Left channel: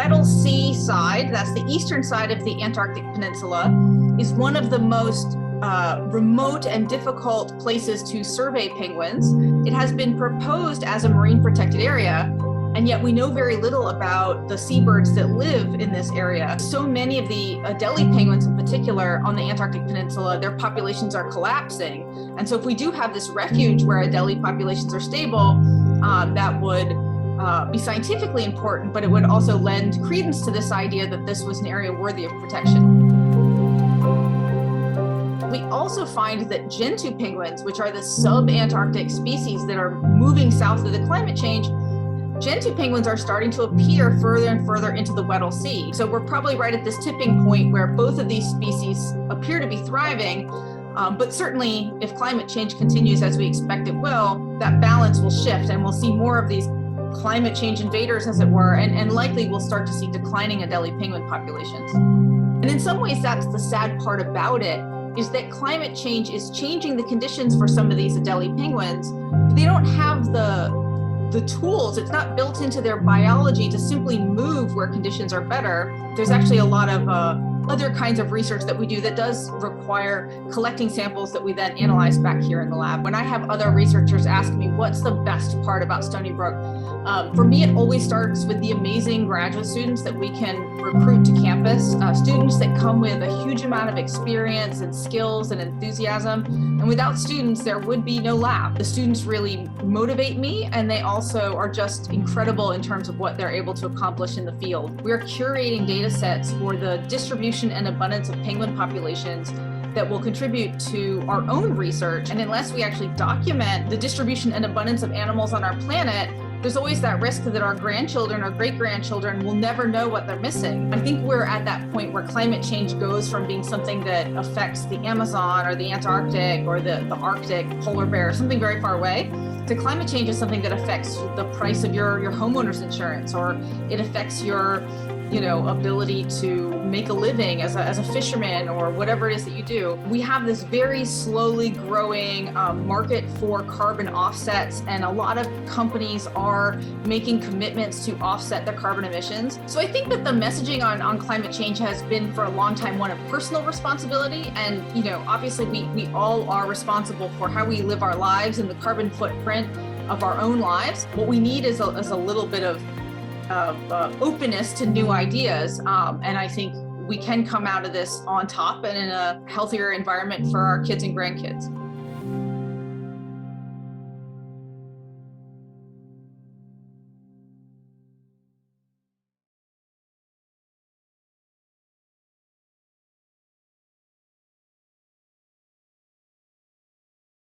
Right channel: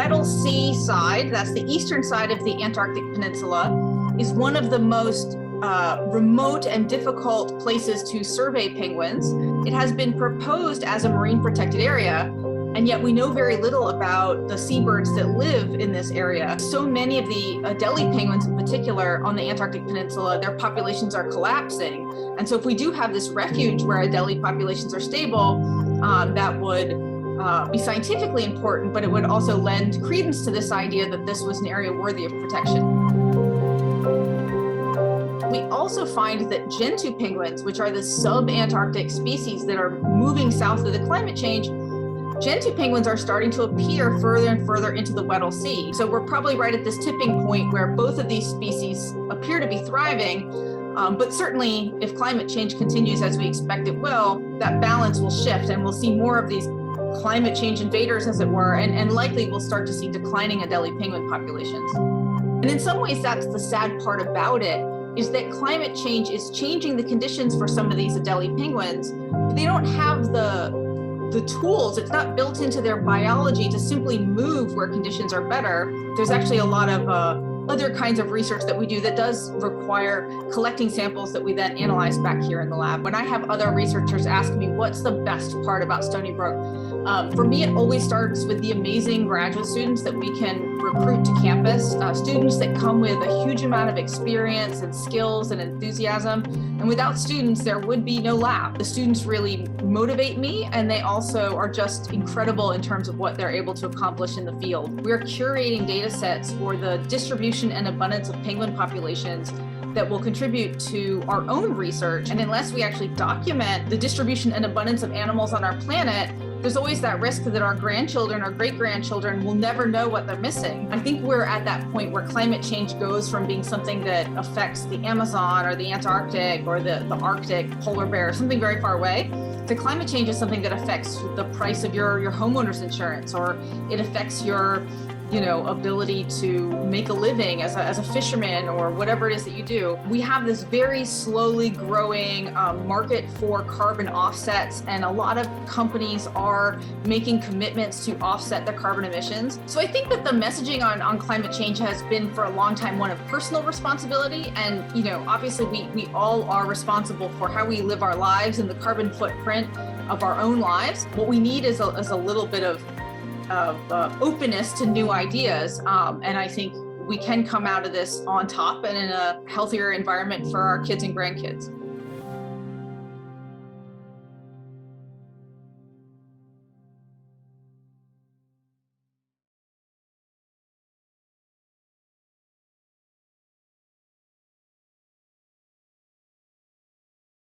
Weddell Sea side, that's the eastern side of the Antarctic Peninsula, is one of the most remote and difficult places to survey penguins. It has been proposed as a marine protected area, and yet we know very little about the seabirds that live in this area. So many of the Adelie penguins in particular on the Antarctic Peninsula, their populations are collapsing. And so if we do have this refuge where Adelie populations are stable, that would be scientifically important, but it would also lend credence to this idea that this was an area worthy of protection. We also find that gentoo penguins, which are the sub-Antarctic species that are moving south of the climate change, gentoo penguins are starting to appear further and further into the Weddell Sea. So we're probably right at this tipping point where both of these species appear to be thriving, but certainly if climate change continues as we expect it will, that balance will shift and we'll see more of these climate change invaders, as it were, and likely we'll start to see declining Adelie penguin populations. And in some ways, that's the sad part about it, is that climate change is changing the conditions for some of these Adelie penguins, but they don't have the tools. It's not built into their biology to simply move where conditions are better. There's actually a lot of other kinds of research that we do that does require collecting samples that we then analyze back here in the lab. When I have other researchers ask me what's the best part about Stony Brook, for me, it always starts with the amazing graduate students that we can recruit to campus, students that come with a huge amount of experience and skills and enthusiasm. And without students, there would be no lab. The students really motivate me, and they also are just incredible in terms of what they're able to accomplish in the field. We're curating data sets for the distribution and abundance of penguin populations that will contribute to our own research. And unless we actually document the distribution and abundance of animals on our planet, there's always that risk that our grandchildren or great-grandchildren will never know what they're missing. I think we're at that point where climate change goes from being something that affects the Amazon or the Antarctic or the Arctic polar bear, something very far away, to climate change is something that affects the price of your homeowner's insurance, or it affects your ability to make a living as a fisherman or whatever it is that you do. We have this very slowly growing market for carbon offsets, and a lot of companies are making commitments to offset their carbon emissions. So I think that the messaging on climate change has been for a long time one of personal responsibility, and obviously we all are responsible for how we live our lives and the carbon footprint of our own lives. What we need is a little bit of openness to new ideas. And I think we can come out of this on top and in a healthier environment for our kids and grandkids.